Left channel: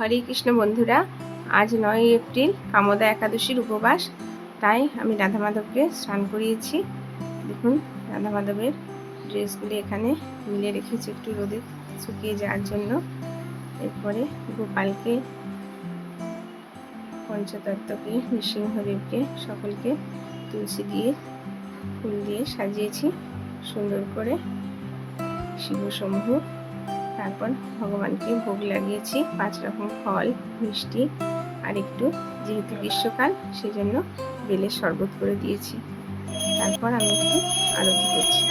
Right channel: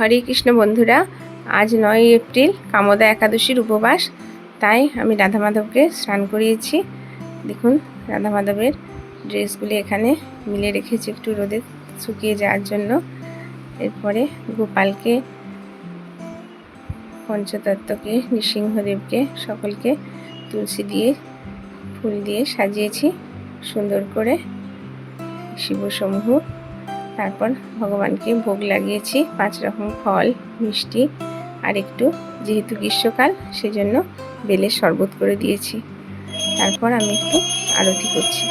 হরে কৃষ্ণ বন্ধুরা, আজ নয় এপ্রিল, কামদা একাদশীর উপবাস। তাই আমি রাধা মাধবকে স্নান করিয়েছি। দেখুন রাধা মাধবের ড্রেসগুলি এখানে মিলে রেখেছি একটু রোদে শুকিয়ে যাওয়ার জন্য। এরপরে গোপালকে, পঞ্চতত্ত্বকে, নৃসিংহদেবকে সকলকে তুলসী দিয়ে ফুল দিয়ে সাজিয়েছি। সুন্দর করে শিবসমূহ তারপর ভগবানকে ভোগ লাগিয়েছি, পাঁচ রকম ফল, মিষ্টি আর একটু যেহেতু গ্রীষ্মকাল, সেজন্য বেলের শরবত করে দিয়েছি। তারপর আমি একটু আরতি করছি।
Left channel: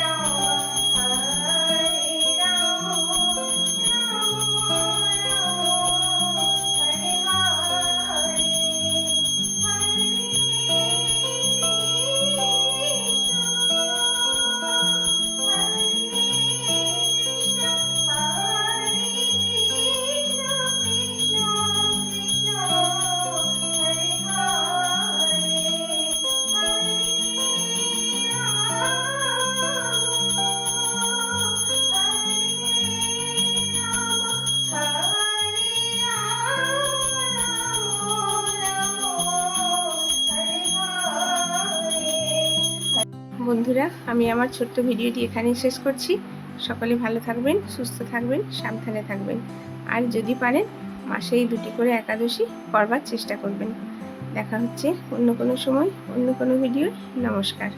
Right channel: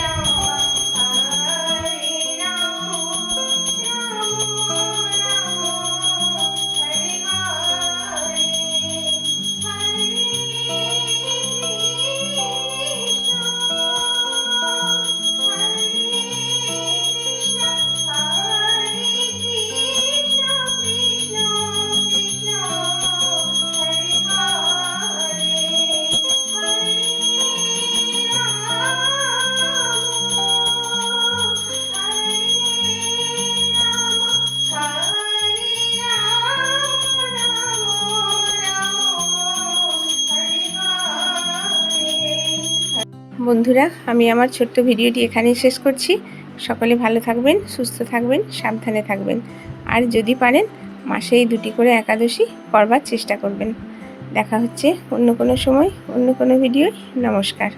বন্ধুরা, আমি আমার ছোট্ট ভিডিওটি এখানেই শেষ করছি। সকলে ভালো থাকবেন, সুস্থ থাকবেন, সাবধানে থাকবেন। আর যদি পারেন, মাসেই দুটি করে একাদশী করবার চেষ্টা করবেন। দেখা হচ্ছে অন্য কোনো সময়, অন্য কোনো ভিডিও নমস্কার।